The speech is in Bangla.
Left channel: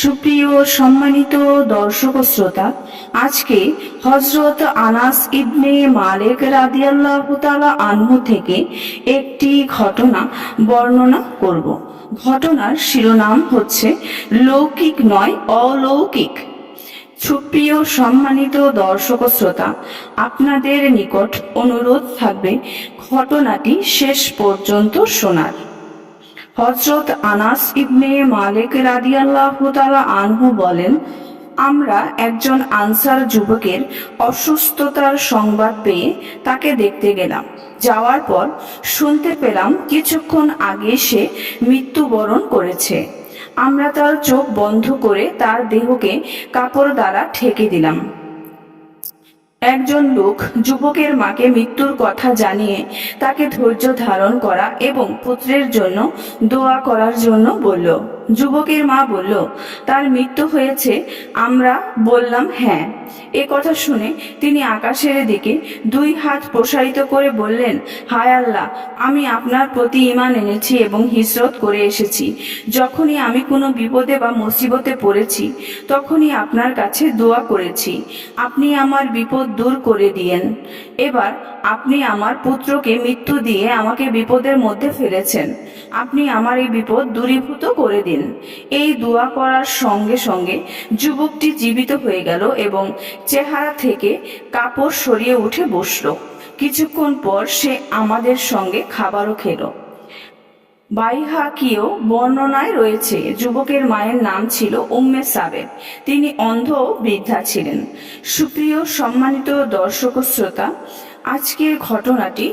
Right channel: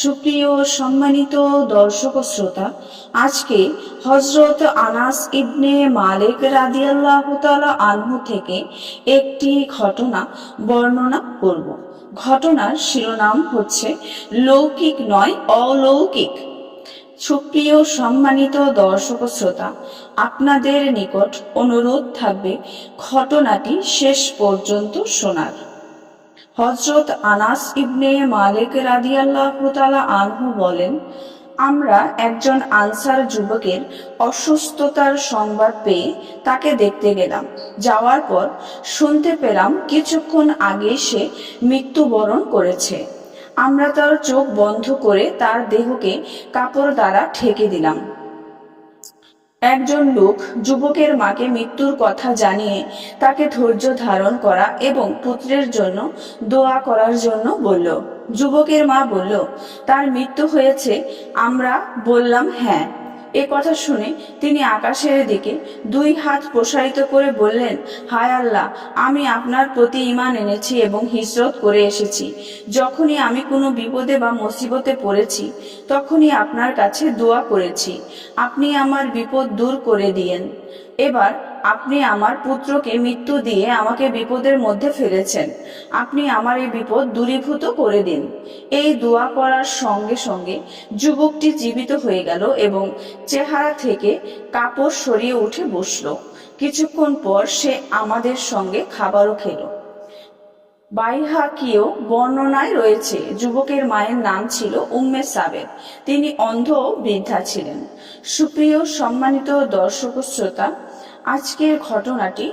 সুপ্রিয় সম্মানিত দর্শক শ্রোতা, আজকে হজরত আনাস ইবনে মালিক রাদিয়াল্লাহু তাআলা আনহু থেকে একটি ঘটনা বর্ণনা করব। ঘটনার শিরোনাম হচ্ছে লৌকিক নয়, অলৌকিক। সুপ্রিয় সম্মানিত দর্শক শ্রোতা, আপনাদের নিকট অনুরোধ থাকবে ঘটনাটি শেষ পর্যন্ত শোনার। হজরত আনাস ইবনে মালিক রাদিয়াল্লাহু তাআলা আনহু বলেন, আমরা একজন আনসার যুবকের অসুস্থতার সংবাদ পেয়ে তাকে দেখতে গেলাম। যাওয়ার পর শুনতে পেলাম কিছুক্ষণ আগে সে মৃত্যুবরণ করেছে। আমরা তার চোখ বন্ধ করে তার দেহকে কাপড় দ্বারা ঠেকে দিলাম। একজন লোক যুবকের মাকে মৃত্যুর কথা জানিয়ে তাকে ধৈর্য ধারণ করা এবং পুত্রের জন্য দোয়া করার জন্য বলল যুবকের মা বলল, তার মৃত্যু হয়েছে, আমরা বললাম হ্যাঁ। এ কথা শুনে তিনি আকাশের দিকে দুই হাত প্রসারিত করে বললেন, হায় আল্লাহ, আমি আপনার প্রতি ইমান এনেছি এবং হিসরত করে এসেছি। যখনই আমি কোনো বিপদে বা মুসিবতে পড়েছি, তখনই আপনার কাছে দোয়া করেছি। আপনি আমার বিপদ দূর করে দিয়েন। এবার আপনি আমার পুত্রকে মৃত্যু দিয়ে আমাকে বিপদের মধ্যে ফেলেছেন। আপনি আমার এই বিপদ দূরীভূত করে দিন। এই দোয়া করার সঙ্গে সঙ্গে যুবকটি জীবিত হয়ে গেল এবং চেহারা থেকে কাপড় সরিয়ে উঠে বসল। কিছুক্ষণ পর সে আমাদের সঙ্গে খাবারও খেলো। বাইহাকিও বর্ণনায় রয়েছে, যুবকের মায়ের নাম ছিল উম্মে সাবেক। তিনি অন্ধ বৃদ্ধা ছিলেন। সুপ্রিয় সম্মানিত দর্শক শ্রোতা, আজকের ঘটনাটি